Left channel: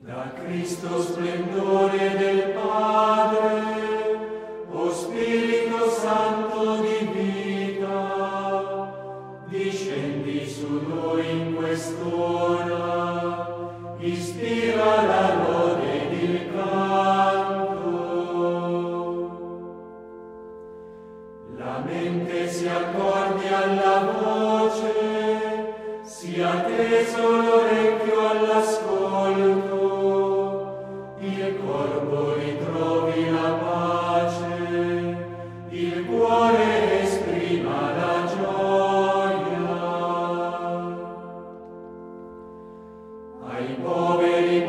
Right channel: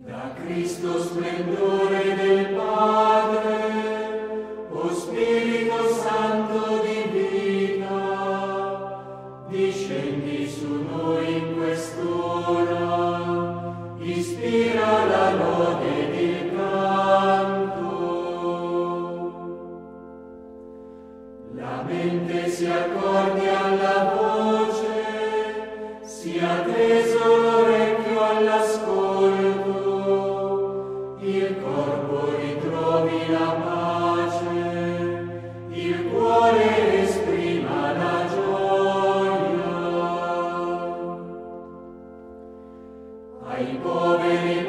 Da Cristo splendore del Padre, o Spirito Santo di vita, discendi su noi in quest'ora, ispira la lode ed il canto. La mente si accordi alla voce, sia teso l'orecchio all'ascolto, il corpo ritrovi la pace, il cuore esprima la gioia. Ai poveri